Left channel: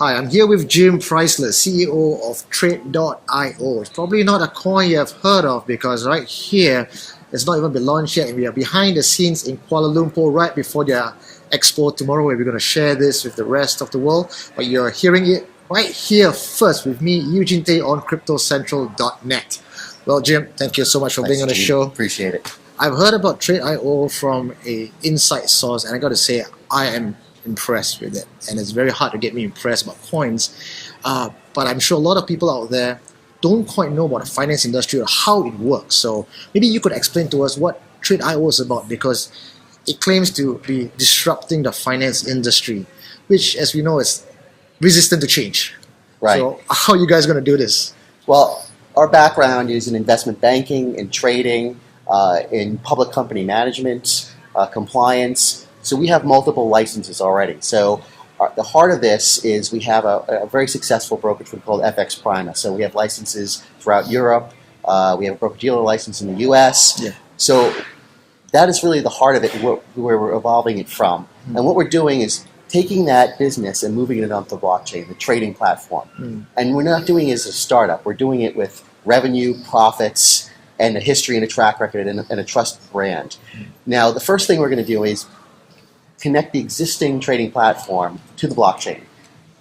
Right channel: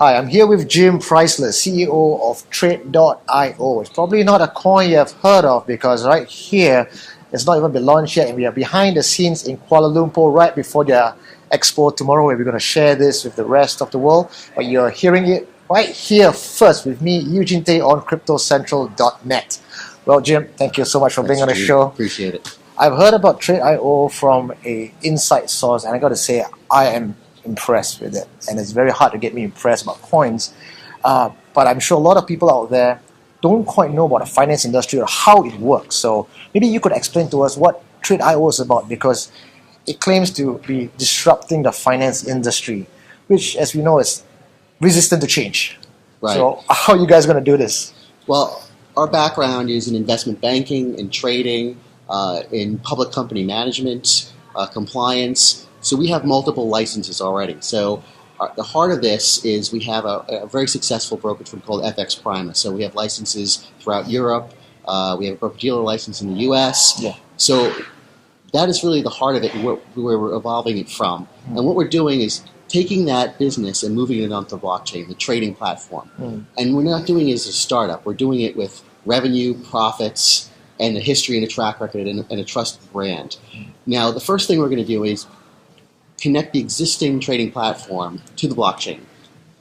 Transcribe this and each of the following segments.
Hi, I'm here with Jim Presissler, CEO of Trade.io. It's probably not a coin you have heard of because right here, it's not even been launched yet, and we are behind the scenes in Kuala Lumpur right before their expo tomorrow, where we're going to share this with the rest of the world. But you're hearing it right here first with me, Eugene Tay, on CryptoCentral.net. Well, Jim, thank you so much for being on the show. Appreciate it. I've heard about Trade.io from an inside source, and I got to say, I am impressed with it, and it's very hard to get me impressed about coins, but I'm sure a lot of people out there don't quite know about the finance industry or how it works. So maybe you could explain to us what Trade.io is about, because it claims to be disrupting the finance industry, which, as we know, is resistant to change. Right. So how are you guys going to do this? Well, our background is in investment banking, in trading, in public company management, compliance. So we have multiple licenses already. So the heart of this is we have a very successful brokerage firm called FX Prima. So we have licenses throughout Europe. We have a broker-dealer license in the US. Yeah. So that is really the heart of it, where we're evolving it from. And what we're doing is taking that business and moving it onto the blockchain, the trading platform. And we're not doing it as a startup. We're doing it with revenue, profits, and a history and a track record and a trusted brand. Now, the first thing we're going to do is connect the existing trading platform to the blockchain.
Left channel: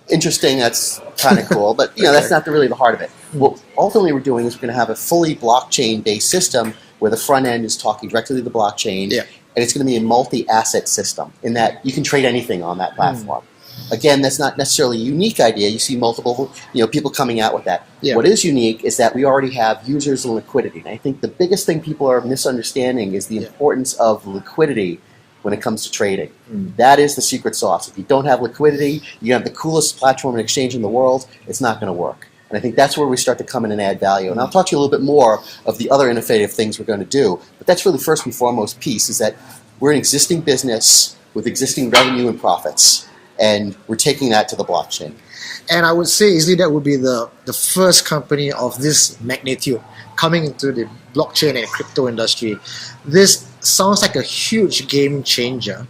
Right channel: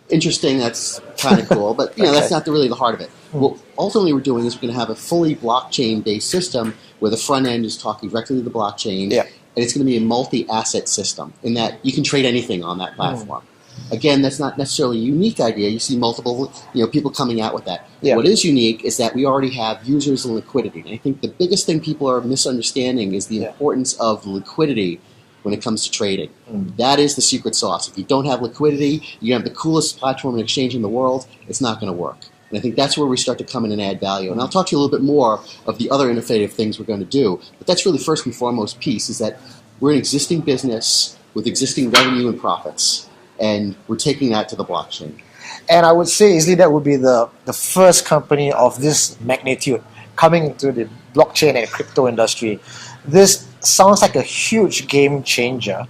Interesting, that's kind of cool, but that's not really the heart of it. What ultimately we're doing is we're going to have a fully blockchain-based system where the front end is talking directly to the blockchain, and it's going to be a multi-asset system in that you can trade anything on that platform. Again, that's not necessarily a unique idea. You see multiple people coming out with that. What is unique is that we already have users and liquidity. And I think the biggest thing people are misunderstanding is the importance of liquidity when it comes to trading. That is the secret sauce. If you don't have liquidity, you have the coolest platform and exchange in the world, it's not going to work. And I think that's where we start to come in and add value. And I'll talk to you a little bit more of the other innovative things we're going to do. But that's really first and foremost piece, is that we're an existing business with existing revenue and profits, and we're taking that to the blockchain. And I would say easily that would be the first company of this magnitude coming into the blockchain and crypto industry. This sounds like a huge game changer.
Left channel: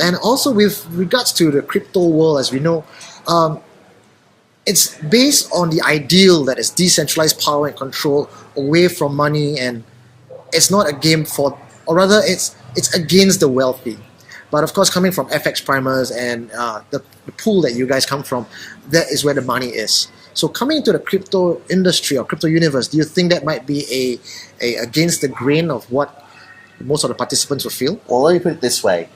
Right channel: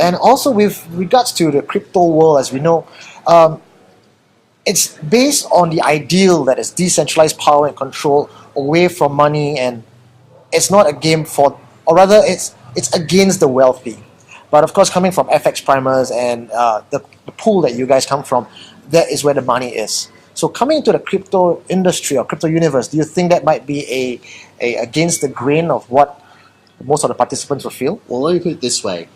And also with regards to the crypto world, as we know, it's based on the ideal that is decentralized power and control away from money, and it's not a game for, or rather it's against the wealthy. But of course, coming from FX primers and the pool that you guys come from, that is where the money is. So coming into the crypto industry or crypto universe, do you think that might be a against the grain of what most of the participants will feel? Well, let me put it this way.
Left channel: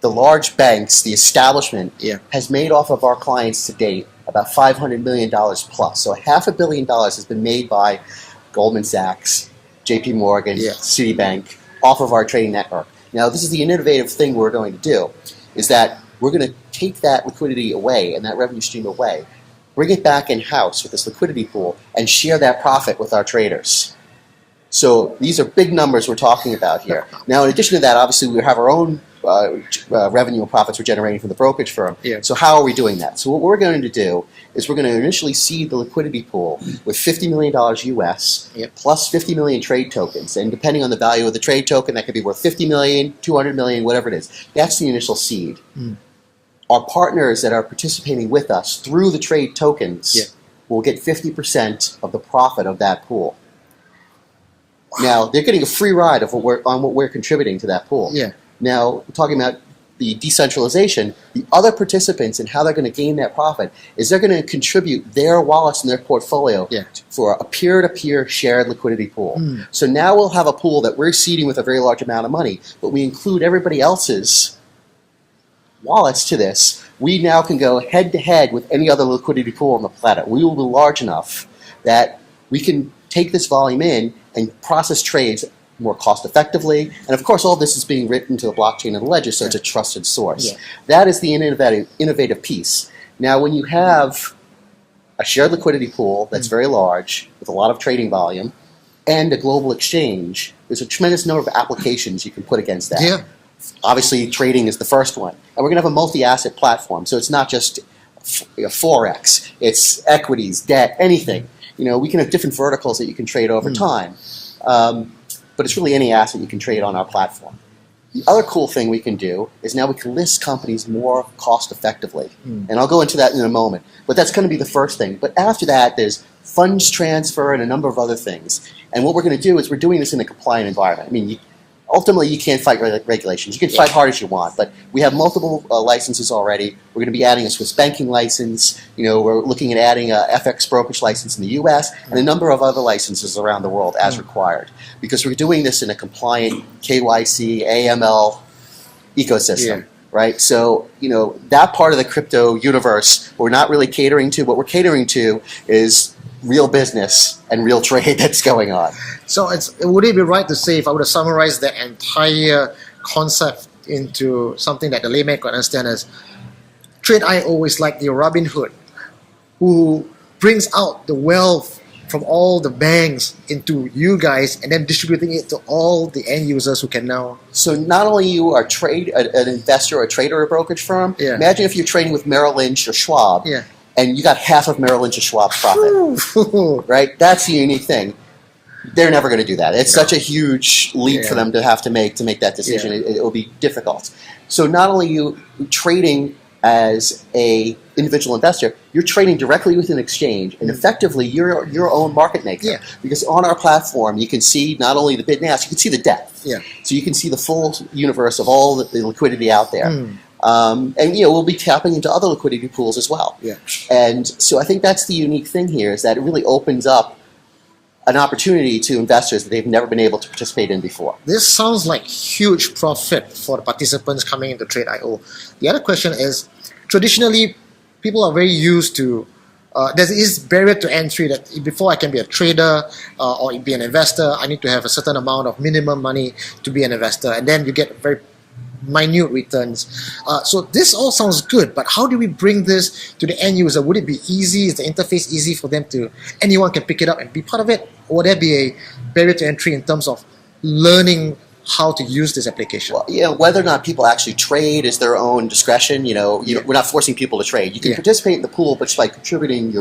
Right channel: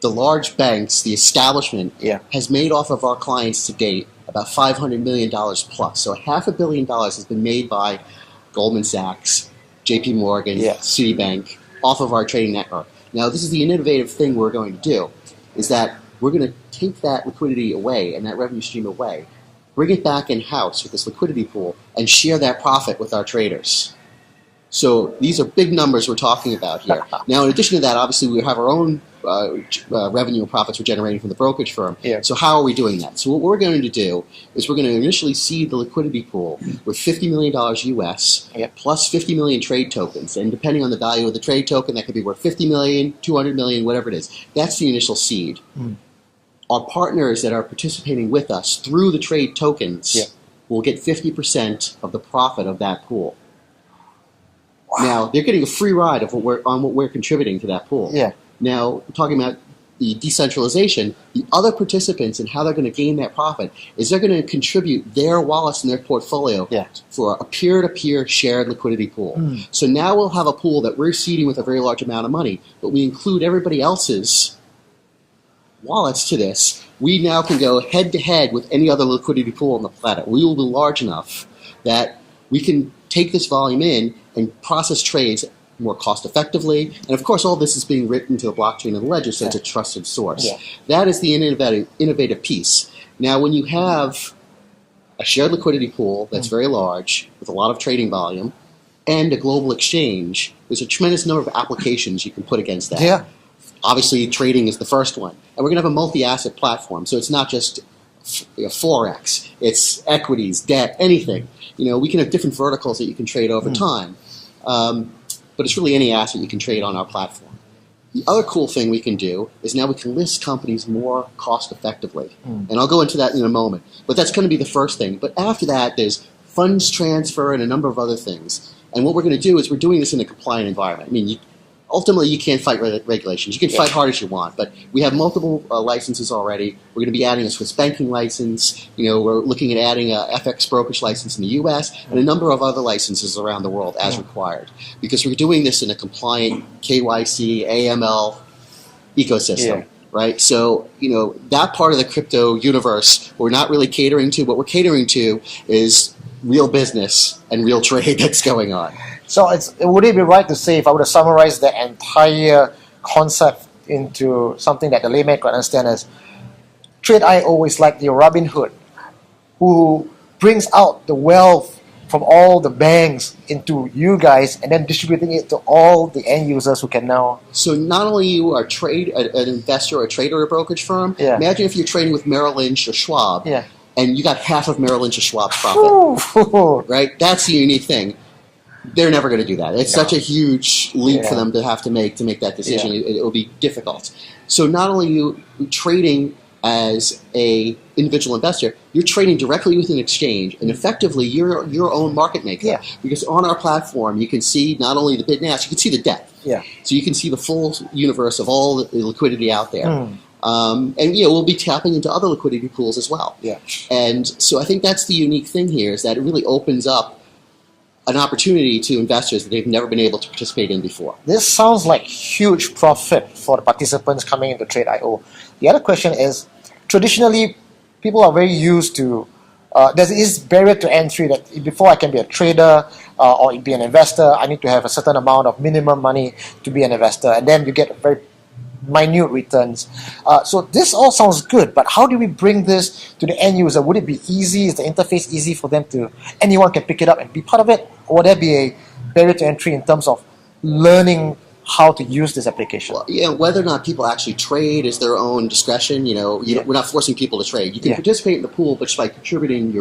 The large banks, the establishment, has made off of our clients to date about $500 million plus. So $500 million has been made by Goldman Sachs, JP Morgan, Citibank, off of our trading network. Now, this is the innovative thing we're going to do, is that we're going to take that liquidity away and that revenue stream away, bring it back in-house with this liquidity pool, and share that profit with our traders. So these are big numbers we're talking about here. Now, in addition to that, obviously, we have our own revenue and profits we're generating from the brokerage firm. So how are we doing that? So what we're going to do is we're going to initially seed the liquidity pool with $50 million US plus 50 million trade tokens. And depending on the value of the trade token, that could be worth 50 million, 200 million, whatever it is. That's the initial seed. Our partners that are participating with us through the trade tokens will get 50% of the profit of that pool. Now, they're getting a free ride of what we're contributing to that pool. Now, talking about the decentralization, the other participants and how they're going to gain that profit is they're going to contribute their wallets and their portfolio for a peer-to-peer shared liquidity pool. So now we'll have a pool that we're seeding with a very large amount of money, but we include everybody else's wallets to this. We now can go head-to-head with any other liquidity pool on the planet. We will be large enough that we can take this volume in and process trades more cost effectively. And of course, all this is being written to a blockchain and a ledger, so it's a trusted source. That is the innovative piece. Now, when you have a shared liquidity pool that's very large, with a lot of trading volume, and a global exchange, there's a tremendous number of applications you can put against that. Obviously, trading is the first one. And we're going to have a multi-asset platform, so it's not just Forex, it's equities, debt, anything. We can have different verticals that you can trade over time. But it's really any asset you can trade on our platform. The other cool thing we can do is now we can list companies more cost effectively. And I'll go into that in a moment. But that's going to be the first thing. But after that, there's funds transfer and a number of other things. And what we're going to do is we're doing this in a compliant environment. I mean, ultimately, you can't fight regulations. You can fight hard as you want, but we have multiple licenses already. We're going to be adding a Swiss banking license. We're looking at adding a FX brokerage license in the U.S. and a number of other licenses around the world as required, because we're doing this in a compliant KYC, AML ecosystem. Right? So, that part of the crypto universe we're not really catering to. What we're catering to is real business and real trade that's going on. So would it be right to say, if I were to summarize the entire concept into something that the layman could understand as Trade.io is like the Robin Hood who brings out the wealth from all the banks into you guys and then distributing it to all the end users who can now... So not only you are an investor, a trader, or a brokerage firm, imagine if you're trading with Merrill Lynch or Schwab and you got half of Merrill Lynch or Schwab's profit. Right? That's the unique thing. They're never going to do that. It's such a huge leap for them to have to make that decision. It will be difficult. So not only you trading as a individual investor, you're trading directly with an exchange, and effectively you're your own market maker. Because on our platform, you can see not only the bid and ask, you can see the depth. So you can see the full universe of all the liquidity out there. And we'll be tapping into other liquidity pools as well. And so I think that's the unique thing here, is that it really opens up an opportunity to investors that they've never been able to participate in before. This sounds like huge profit for the participants coming into Trade.io. The other question is, traditionally, people are very used to, there is barrier to entry that before I can be a trader or be an investor, I need to have a certain amount of minimum money to be an investor, and then you get very minute returns. So this all sounds good, but how do we bring this to the end user? Would it be easy? Is the interface easy for them to, anyone can pick it up and be part of it? Or would there be a barrier to entry in terms of learning how to use this application? Well, whether or not people actually trade is their own discretion. We're not forcing people to trade. You can participate in the pool, but just by contributing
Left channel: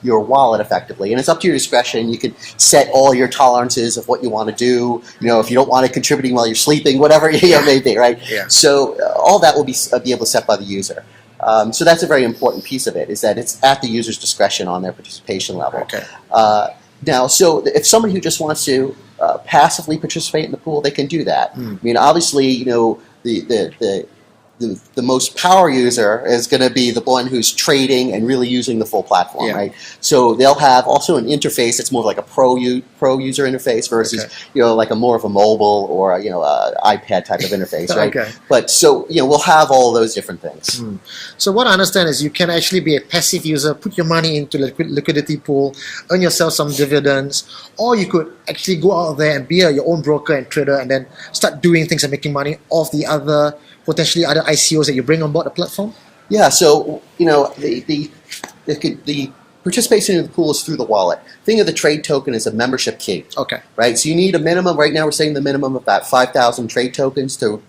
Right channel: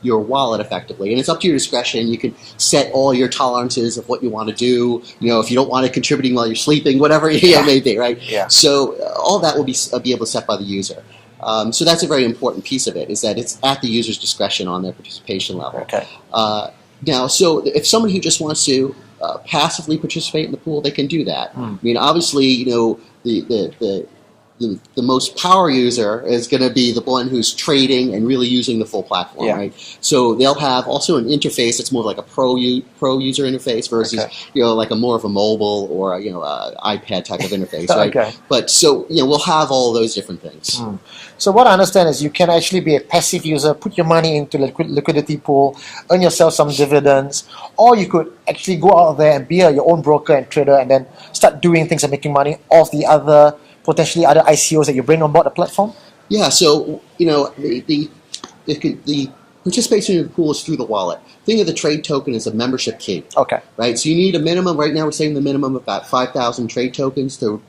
your wallet effectively, and it's up to your discretion. You can set all your tolerances of what you want to do. If you don't want it contributing while you're sleeping, whatever it may be, right? So all that will be able to set by the user. So that's a very important piece of it, is that it's at the user's discretion on their participation level. Now, so if somebody who just wants to passively participate in the pool, they can do that. I mean, obviously, the most power user is going to be the one who's trading and really using the full platform, right? So they'll have also an interface that's more like a pro user interface versus like a more of a mobile or a iPad type of interface, right? But so we'll have all those different things. So what I understand is you can actually be a passive user, put your money into the liquidity pool, earn yourself some dividends, or you could actually go out there and be your own broker and trader, and then start doing things and making money off the other potentially other ICOs that you bring on board the platform? Yeah, so the participation in the pool is through the wallet. Think of the trade token as a membership key. Right? So you need a minimum. Right now we're saying the minimum of about 5,000 trade tokens to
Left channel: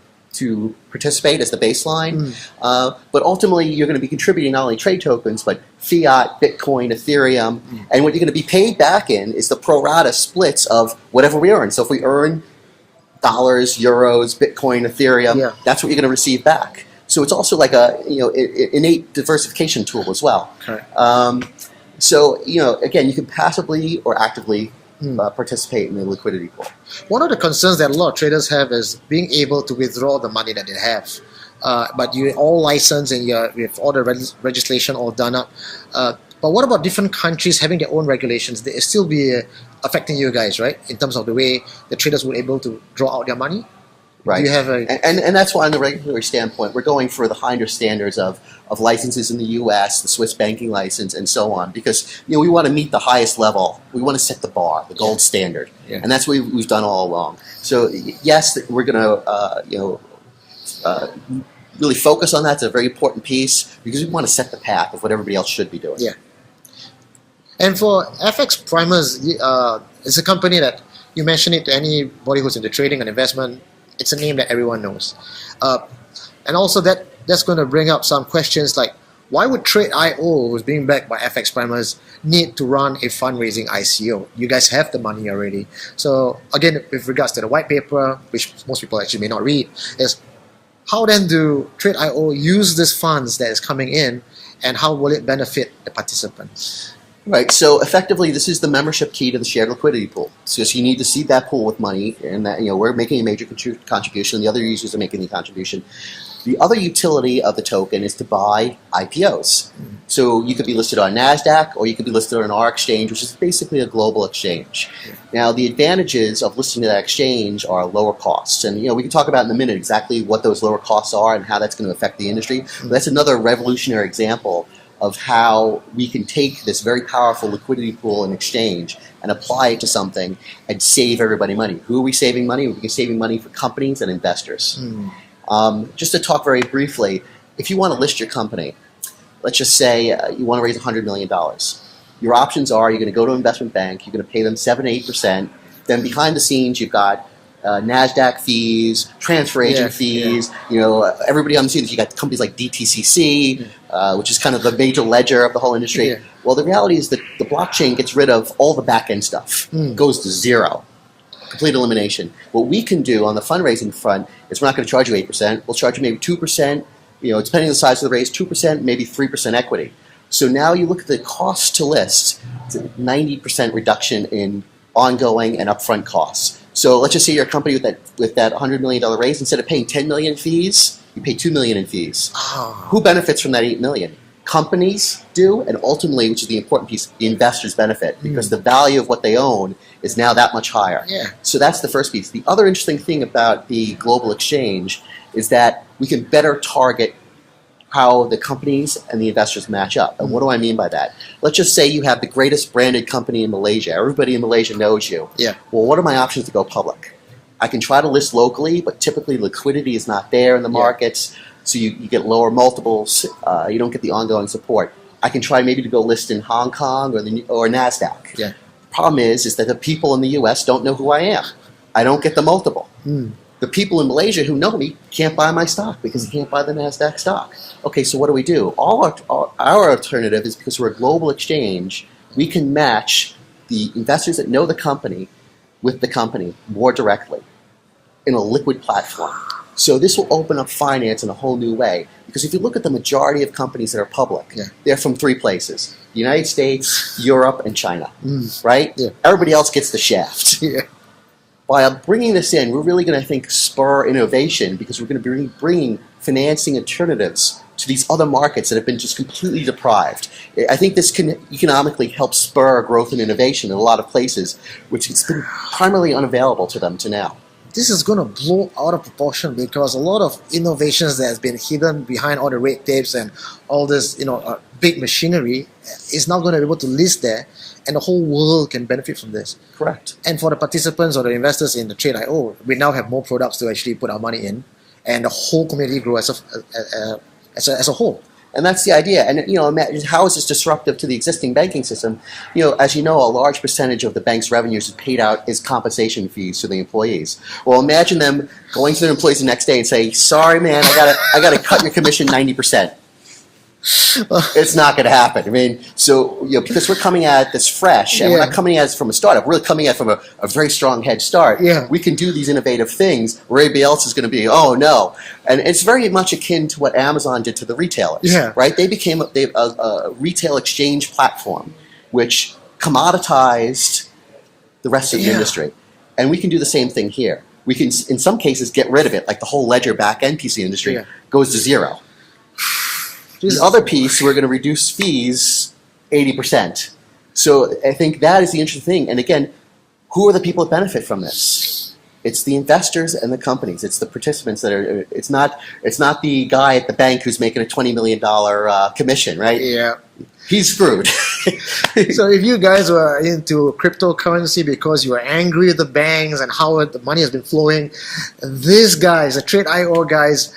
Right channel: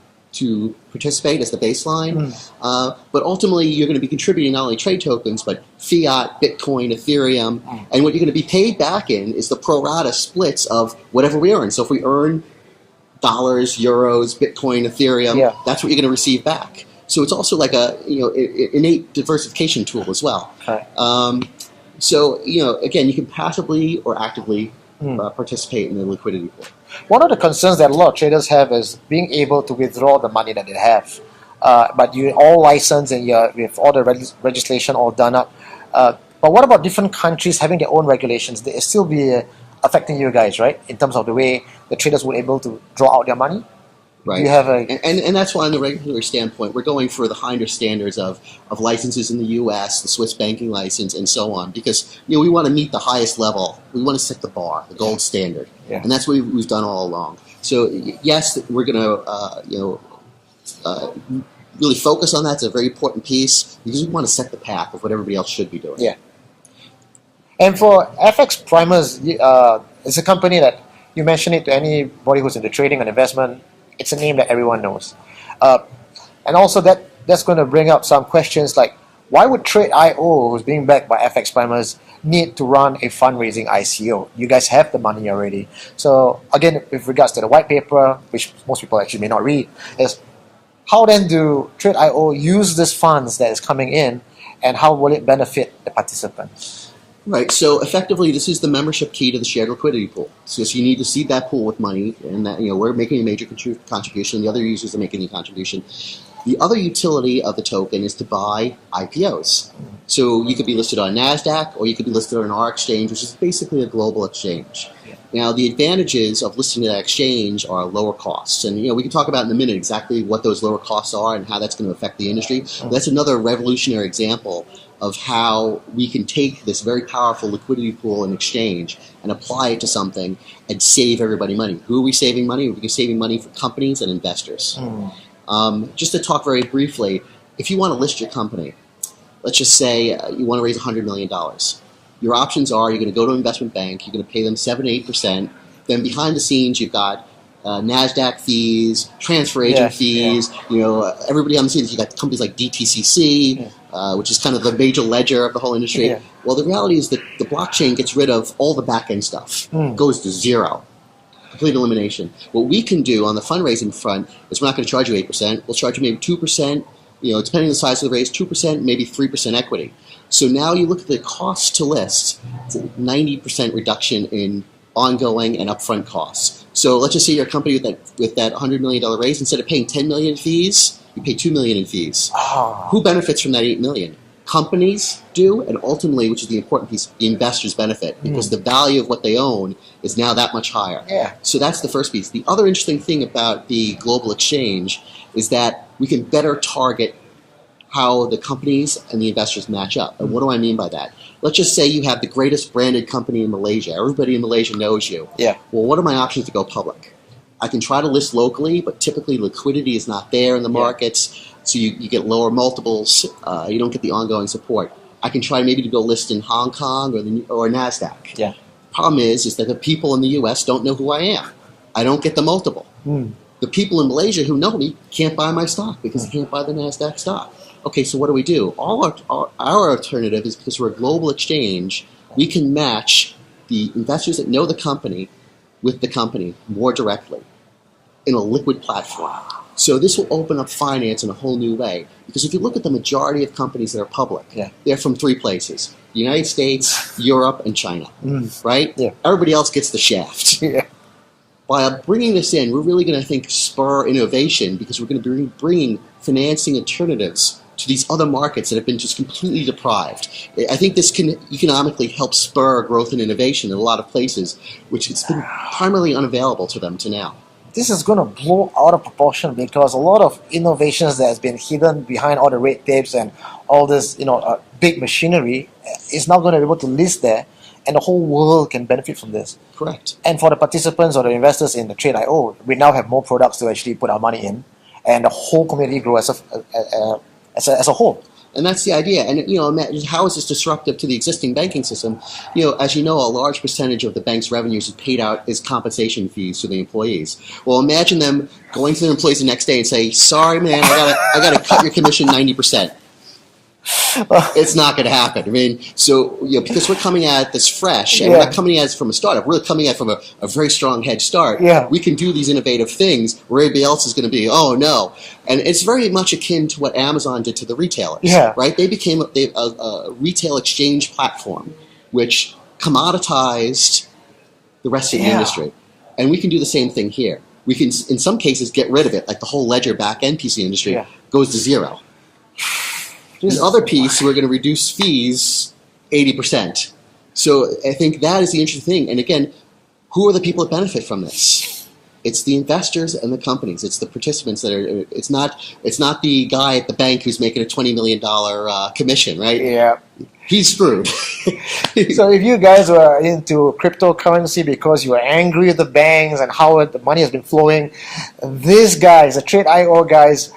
participate as the baseline. But ultimately you're going to be contributing not only trade tokens, but fiat, Bitcoin, Ethereum. And what you're going to be paid back in is the pro rata splits of whatever we earn. So if we earn dollars, euros, Bitcoin, Ethereum, that's what you're going to receive back. So it's also like a innate diversification tool as well. So again, you can passively or actively participate in the liquidity pool. One of the concerns that a lot of traders have is being able to withdraw the money that they have. But you're all licensed and with all the legislation all done up. But what about different countries having their own regulations? They still be affecting you guys, right? In terms of the way the traders were able to draw out their money? Right. Do you have and that's why on the regulatory standpoint, we're going for the higher standards of licenses in the U.S., the Swiss banking license, and so on, because we want to meet the highest level. We want to set the bar, the gold standard, and that's what we've done all along. So yes, we're going to really focus on that. It's a very important piece because we want to set the path of what everybody else should be doing. And for FX Primers, it's a company that you mention it to anybody who's into trading and investment. It's a name that everyone knows. And also that's going to bring up some questions like, Why would Trade.io, who's being backed by FX primers, need to run a fundraising ICO? You guys have the money already. So again, with regards to the white paper, which most people actually may not read, is how then do Trade.io use these funds that is coming in, and how will it benefit the participants? Right. So effectively, this is the membership key to the shared liquidity pool. So you need to seed that pool with money, and that, we're making a major contribution. The other users are making a contribution. The other utility of the token is to buy IPOs. So you could be listed on NASDAQ, or you could be listed on our exchange, which is basically a global exchange. Yeah. Now, the advantages of listing to that exchange are lower costs. And we can talk about in a minute exactly what those lower costs are and how that's going to affect the industry. But that's another revolutionary example of how we can take this very powerful liquidity pool and exchange and apply it to something and save everybody money. Who are we saving money? We're saving money for companies and investors. Just to talk very briefly, if you want to list your company, let's just say you want to raise $100 million. Your options are you're going to go to an investment bank, you're going to pay them 7-8%. Then behind the scenes, you've got NASDAQ fees, transfer agent fees. Everybody on the scene, you got companies like DTCC, which is kind of the major ledger of the whole industry. Yeah. Well, the reality is that the blockchain gets rid of all the back-end stuff. It goes to zero. Complete elimination. What we can do on the fundraising front is we're not going to charge you 8%. We'll charge you maybe 2%, depending on the size of the raise, 2%, maybe 3% equity. So now you look at the cost to list, it's a 90% reduction in ongoing and upfront costs. So let's just say you're a company with that $100 million raise, instead of paying $10 million in fees, you pay $2 million in fees. Oh. Who benefits from that $8 million? Companies do, and ultimately, which is the important piece, the investors benefit, because the value of what they own is now that much higher. Yeah. So that's the first piece. The other interesting thing about the global exchange is that we can better target how the companies and the investors match up. And what do I mean by that? Let's just say you have the greatest branded company in Malaysia. Everybody in Malaysia knows you. Yeah. Well, what are my options to go public? I can try to list locally, but typically liquidity is not there in the markets. So you get lower multiples. You don't get the ongoing support. I can try maybe to go list in Hong Kong or NASDAQ. Yeah. Problem is that the people in the U.S. don't know who I am. I don't get the multiple. The people in Malaysia who know me can't buy my stock because they can't buy the NASDAQ stock. Okay, so what do? Our alternative is, because we're a global exchange, we can match the investors that know the company with the company more directly in a liquid platform. So this will open up finance in a whole new way. Because if you look at the majority of companies that are public, they're from 3 places: the United States, Europe, and China. Right? Yeah. Everybody else gets the shaft. Yeah. By bringing this in, we're really going to, spur innovation, because we're going to be bringing financing alternatives to these other markets that have been just completely deprived. I think this can economically help spur growth and innovation in a lot of places, which has been primarily unavailable to them to now. This is going to blow out of proportion, because a lot of innovations that has been hidden behind all the red tapes and all this, big machinery is now going to be able to list there, and the whole world can benefit from this. Correct. And for the participants or the investors in the Trade.io, we now have more products to actually put our money in, and the whole community grow as a whole. And that's the idea. And, imagine how is this disruptive to the existing banking system? As you know, a large percentage of the bank's revenues is paid out as compensation fees to the employees. Well, imagine them going to their employees the next day and say, "Sorry, man, I got to cut your commission 90%. It's not going to happen. Because we're coming at this fresh, and we're not coming at it from a startup. We're coming at it from a very strong head start. Yeah. We can do these innovative things where everybody else is going to be, oh, no. And it's very much akin to what Amazon did to the retailers. Yeah. Right? They became a retail exchange platform, which commoditized the rest of the industry. And we can do the same thing here. We can, in some cases, get rid of it, like the whole ledger back-end piece of the industry goes to zero. The other piece, we're going to reduce fees 80%. So I think that is the interesting thing. And again, who are the people that benefit from this? It's the investors and the companies. It's the participants that are. It's not the guy at the bank who's making a $20 million commission, right? Yeah. He's screwed. So if you guys were into cryptocurrency because you were angry with the banks and how the money has been flowing, these guys, the Trade.io guys,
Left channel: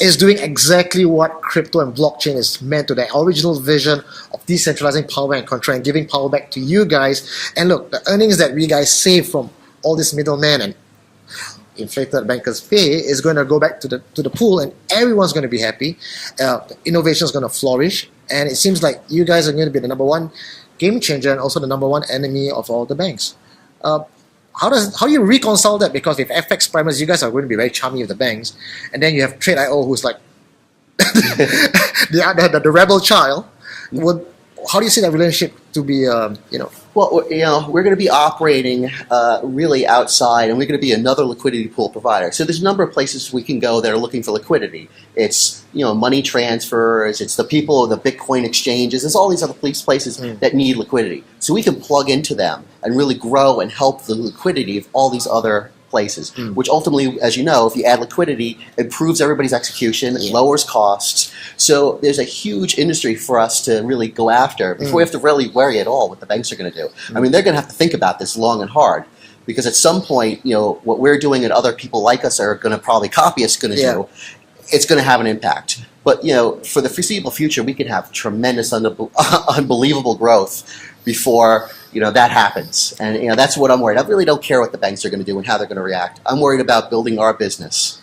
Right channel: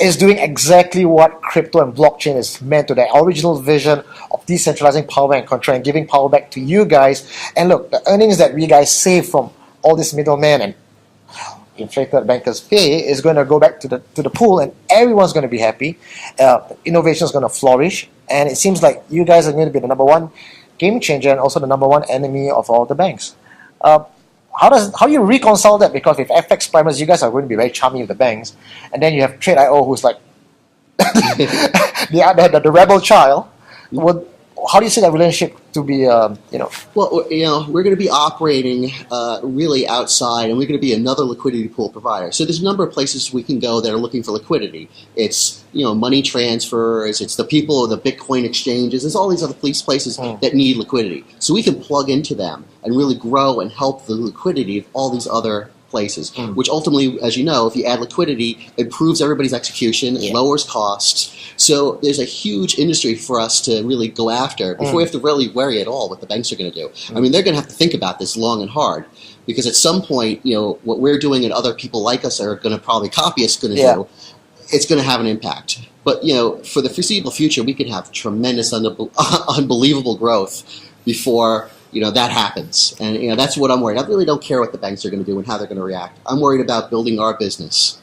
is doing exactly what crypto and blockchain is meant to, the original vision of decentralizing power and control and giving power back to you guys. And look, the earnings that we guys save from all this middlemen, and inflated bankers' pay is going to go back to the pool, and everyone's going to be happy. Innovation is going to flourish, and it seems like you guys are going to be the number one game changer and also the number one enemy of all the banks. How do you reconcile that? Because with FX primers, you guys are going to be very charming with the banks, and then you have Trade.io, who's like the rebel child. How do you see that relationship to be, Well, we're going to be operating really outside, and we're going to be another liquidity pool provider. So there's a number of places we can go that are looking for liquidity. It's money transfers. It's the people of the Bitcoin exchanges. There's all these other places that need liquidity. So we can plug into them and really grow and help the liquidity of all these other places, which ultimately, as you know, if you add liquidity, improves everybody's execution, it lowers costs. So there's a huge industry for us to really go after before we have to really worry at all what the banks are going to do. I mean, they're going to have to think about this long and hard, because at some point, what we're doing and other people like us are going to probably copy us going to do, it's going to have an impact. But, for the foreseeable future, we could have tremendous, unbelievable growth before that happens. And that's what I'm worried. I really don't care what the banks are going to do and how they're going to react. I'm worried about building our business.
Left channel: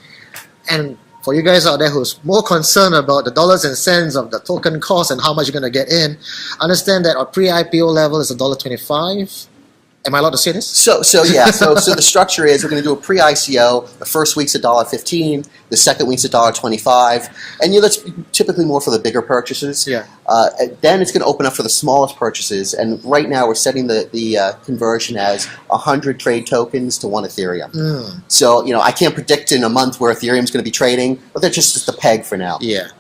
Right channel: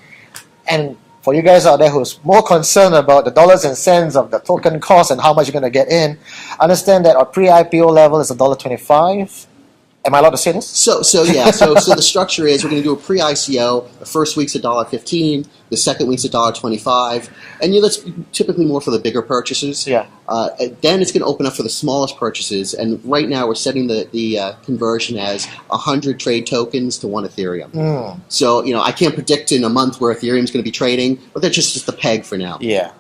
And for you guys out there who's more concerned about the dollars and cents of the token cost and how much you're going to get in, understand that our pre-IPO level is $1.25. Am I allowed to say this? So the structure is we're going to do a pre-ICO. The first week's $1.15. The second week's $1.25. And that's typically more for the bigger purchases. Yeah. Then it's going to open up for the smallest purchases. And right now we're setting the conversion as 100 trade tokens to 1 Ethereum. So I can't predict in a month where Ethereum's going to be trading, but that's just a peg for now. Yeah.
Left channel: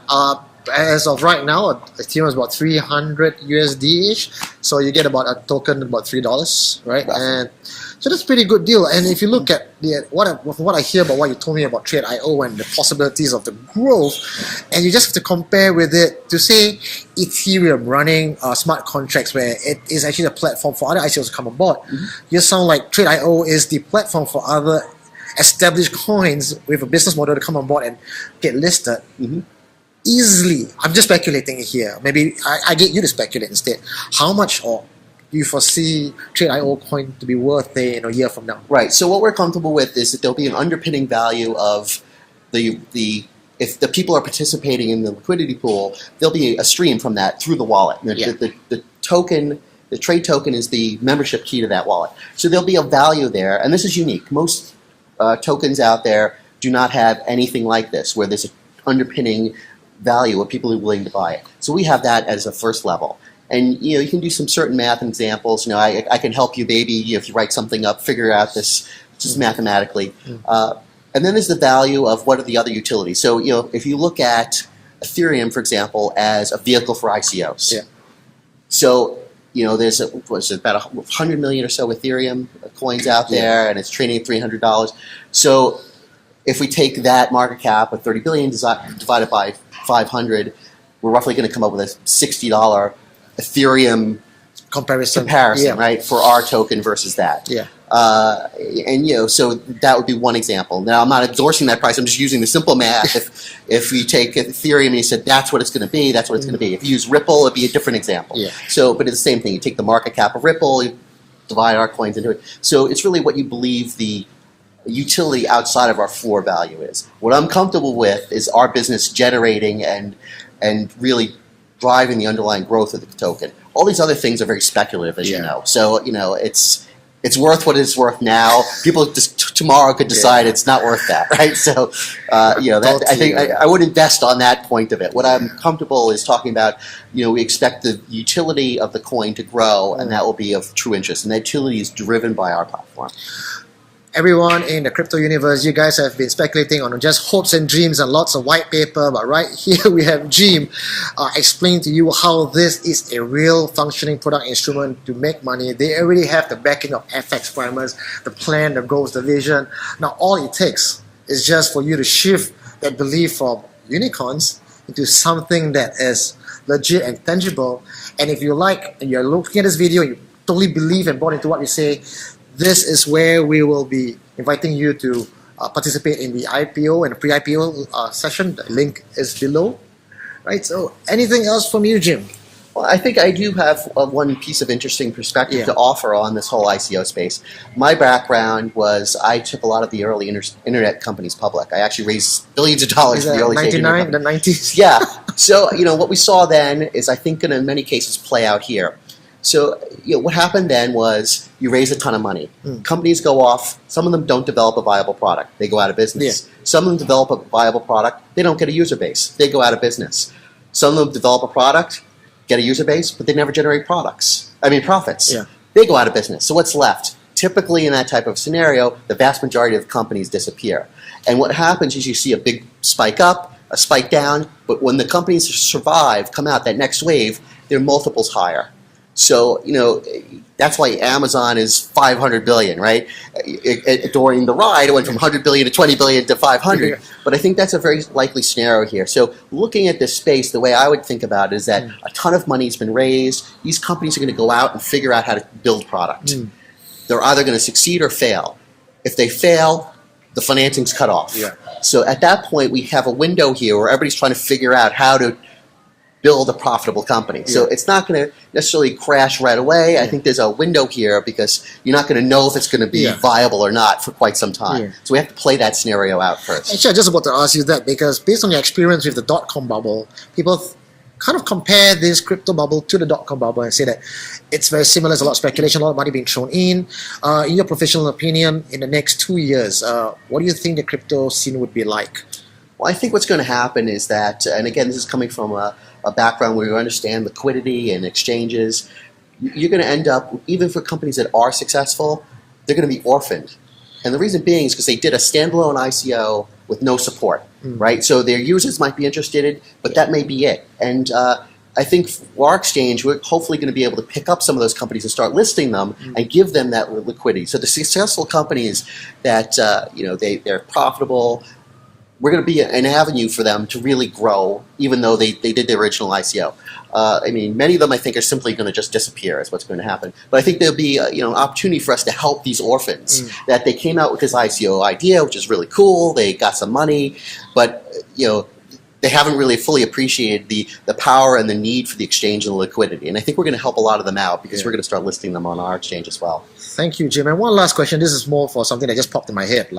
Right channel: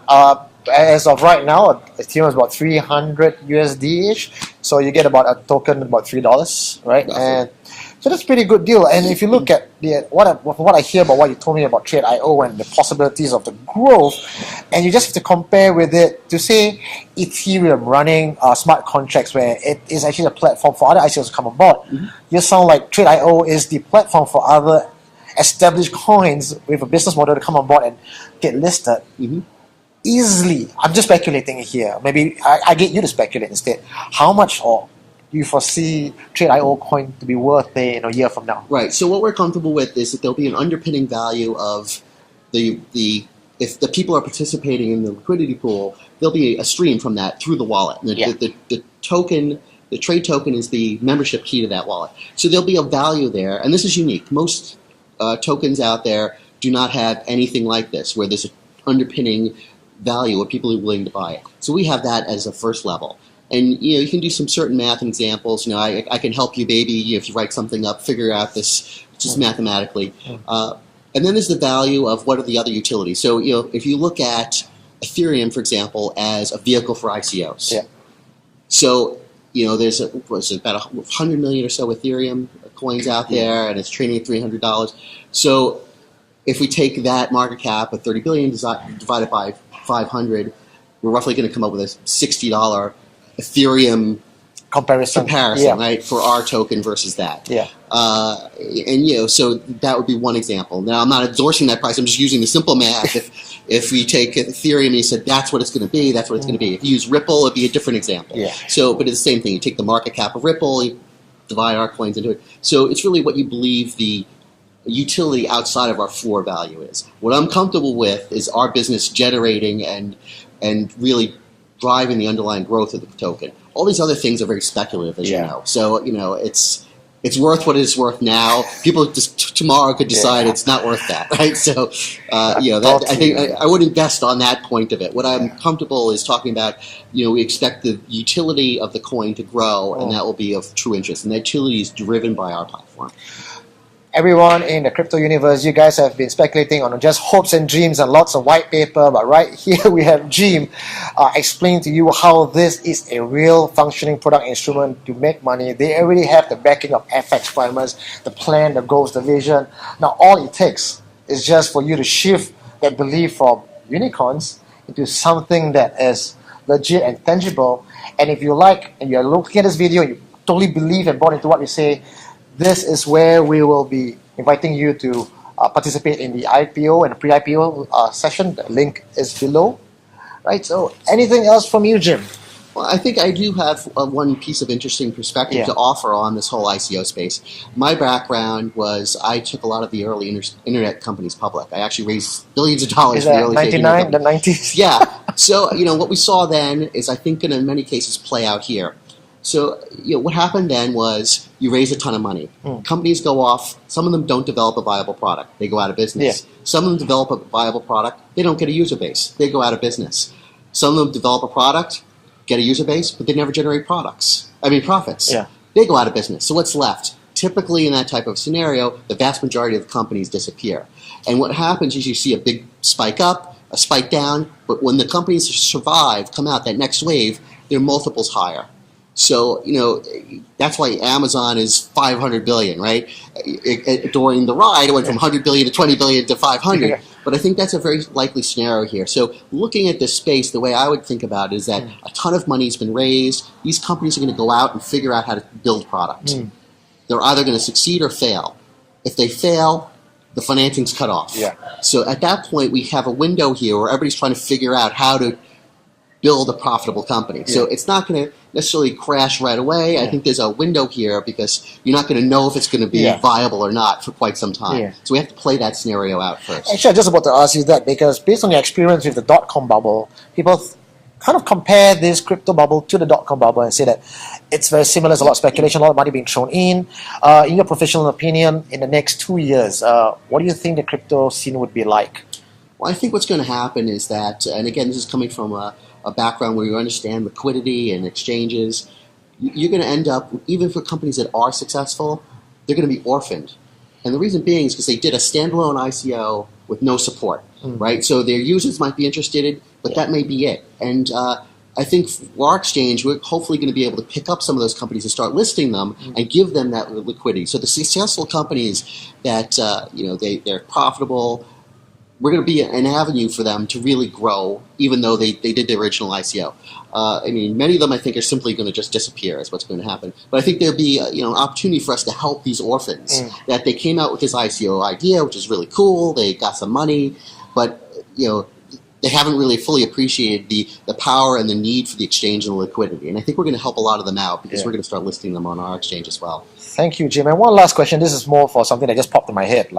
As of right now, Ethereum is about 300 USD-ish. So you get about a token about $3, right? And so that's a pretty good deal. And if you look at what I hear about what you told me about Trade.io and the possibilities of the growth, and you just have to compare with it to say Ethereum running smart contracts where it is actually a platform for other ICOs to come aboard, you sound like Trade.io is the platform for other established coins with a business model to come on board and get listed. Easily, I'm just speculating here. Maybe I get you to speculate instead. How much do you foresee Trade.io coin to be worth a year from now? Right. So what we're comfortable with is that there'll be an underpinning value of if the people are participating in the liquidity pool, there'll be a stream from that through the wallet. The token, the trade token, is the membership key to that wallet. So there'll be a value there, and this is unique. Most tokens out there do not have anything like this, where there's an underpinning value where people are willing to buy it. So we have that as a first level. And you can do some certain math and examples. I can help you maybe if you write something up, figure out this just mathematically. And then there's the value of what are the other utilities. So if you look at Ethereum, for example, as a vehicle for ICOs. So there's about 100 million or so Ethereum coins out there, and it's trading at $300. So if we take that market cap of 30 billion divided by 500, we're roughly going to come up with a $60 Ethereum comparison, right, for our token versus that. So that would be one example. Now, I'm not endorsing that price. I'm just using the simple math. If we take Ethereum and you said that's what it's going to be, that's what it's going to be. If you use Ripple, it'd be a different example. So, but it's the same thing. You take the market cap of Ripple, you divide our coins into it. So it's really what you believe the utility outside of our floor value is. What I'm comfortable with is our business generating and really driving the underlying growth of the token. All these other things are very speculative, as you know. So it's worth what it's worth now. People just tomorrow could decide it's not worth that, right? So I think I would invest on that point of it. What I'm comfortable is talking about. We expect the utility of the coin to grow, and that will be of true interest. And that utility is driven by our platform. Everyone in the crypto universe, you guys have been speculating on just hopes and dreams and lots of white paper, but right here we have Jim explaining to you how this is a real functioning product instrument to make money. They already have the backing of FX primers, the plan, the goals, the vision. Now all it takes is just for you to shift that belief from unicorns into something that is legit and tangible. And if you like and you're looking at this video and you totally believe and bought into what we say, this is where we will be inviting you to participate in the IPO and pre-IPO session. The link is below. Right. So anything else from you, Jim? Well, I think I do have one piece of interesting perspective to offer on this whole ICO space. My background was I took a lot of the early internet companies public. I actually raised billions of dollars for the early 99, the 90s? Yeah. So, what we saw then is I think going to in many cases play out here. So, what happened then was you raise a ton of money. Companies go off. Some of them don't develop a viable product. They go out of business. Yeah. Some of them develop a viable product. They don't get a user base. They go out of business. Some of them develop a product, get a user base, but they never generate profits. Yeah. They go out of business. So what's left? Typically in that type of scenario, the vast majority of companies disappear. And what happens is you see a big spike up, a spike down, but when the companies survive, come out that next wave, they're multiples higher. So, that's why Amazon is 500 billion, right? During the ride, it went from 100 billion to 20 billion to 500. Yeah. But I think that's a very likely scenario here. So looking at this space, the way I would think about it is that a ton of money has been raised. These companies are going to go out and figure out how to build product. They're either going to succeed or fail. If they fail, the financing's cut off. Yeah. So at that point, we have a window here where everybody's trying to figure out how to build a profitable company. Yeah. So it's not going to necessarily crash right away. Yeah. I think there's a window here because you're not going to know if it's going to be viable or not for quite some time. Yeah. So we have to play that scenario out first. Actually, I just about to ask you that because based on your experience with the dot-com bubble, people kind of compare this crypto bubble to the dot-com bubble and say that it's very similar. There's a lot of speculation, a lot of money being thrown in. In your professional opinion, in the next 2 years, what do you think the crypto scene would be like? Well, I think what's going to happen is that, and again, this is coming from a background where you understand liquidity and exchanges, you're going to end up, even for companies that are successful, they're going to be orphaned. And the reason being is because they did a standalone ICO with no support, right? So their users might be interested, but that may be it. And I think for our exchange, we're hopefully going to be able to pick up some of those companies and start listing them and give them that liquidity. So the successful companies that, they're profitable, we're going to be an avenue for them to really grow, even though they did the original ICO. Many of them I think are simply going to just disappear is what's going to happen. But I think there'll be an opportunity for us to help these orphans, that they came out with this ICO idea, which is really cool. They got some money, but they haven't really fully appreciated the power and the need for the exchange and the liquidity. And I think we're going to help a lot of them out because we're going to start listing them on our exchange as well. Thank you, Jim. And one last question. This is more for something that just popped in my head.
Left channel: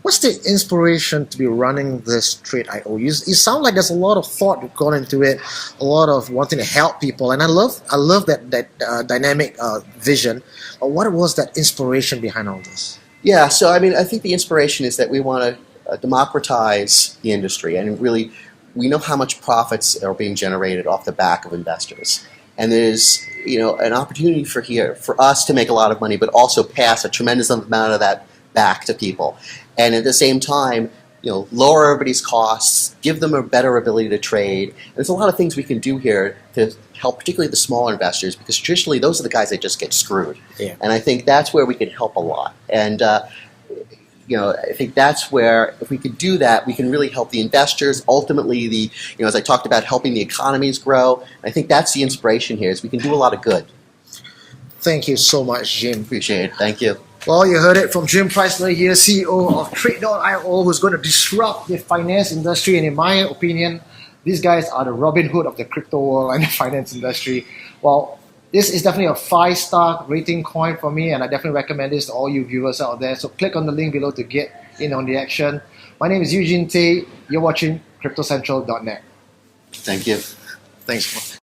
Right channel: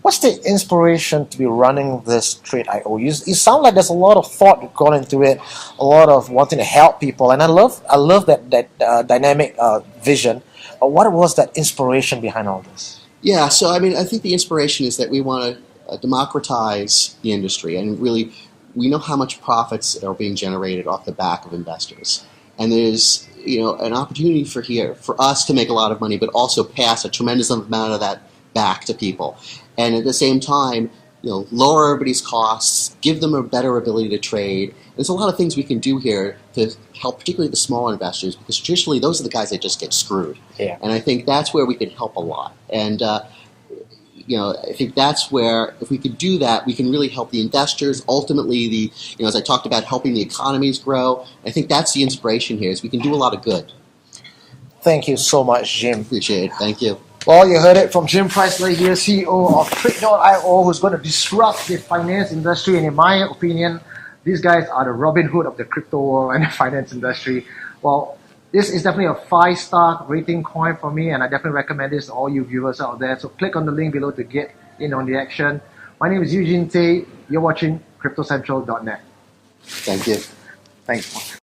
What's the inspiration to be running this Trade.io? You sound like there's a lot of thought gone into it, a lot of wanting to help people. And I love that dynamic vision. But what was that inspiration behind all this? Yeah, so I think the inspiration is that we want to democratize the industry, and really we know how much profits are being generated off the back of investors, and there's an opportunity for us to make a lot of money, but also pass a tremendous amount of that back to people, and at the same time lower everybody's costs, give them a better ability to trade. And there's a lot of things we can do here to help particularly the smaller investors, because traditionally those are the guys that just get screwed. Yeah. And I think that's where we can help a lot. And I think that's where, if we could do that, we can really help the investors. Ultimately, as I talked about, helping the economies grow. I think that's the inspiration here, is we can do a lot of good. Thank you so much, Jim. Appreciate it. Thank you. Well, you heard it from Jim Presissler here, CEO of Trade.io, who's going to disrupt the finance industry. And in my opinion, these guys are the Robin Hood of the crypto world and the finance industry. Well, this is definitely a 5-star rating coin for me, and I definitely recommend this to all you viewers out there. So click on the link below to get in on the action. My name is Eugene Tay. You're watching CryptoCentral.net. Thank you. Thanks.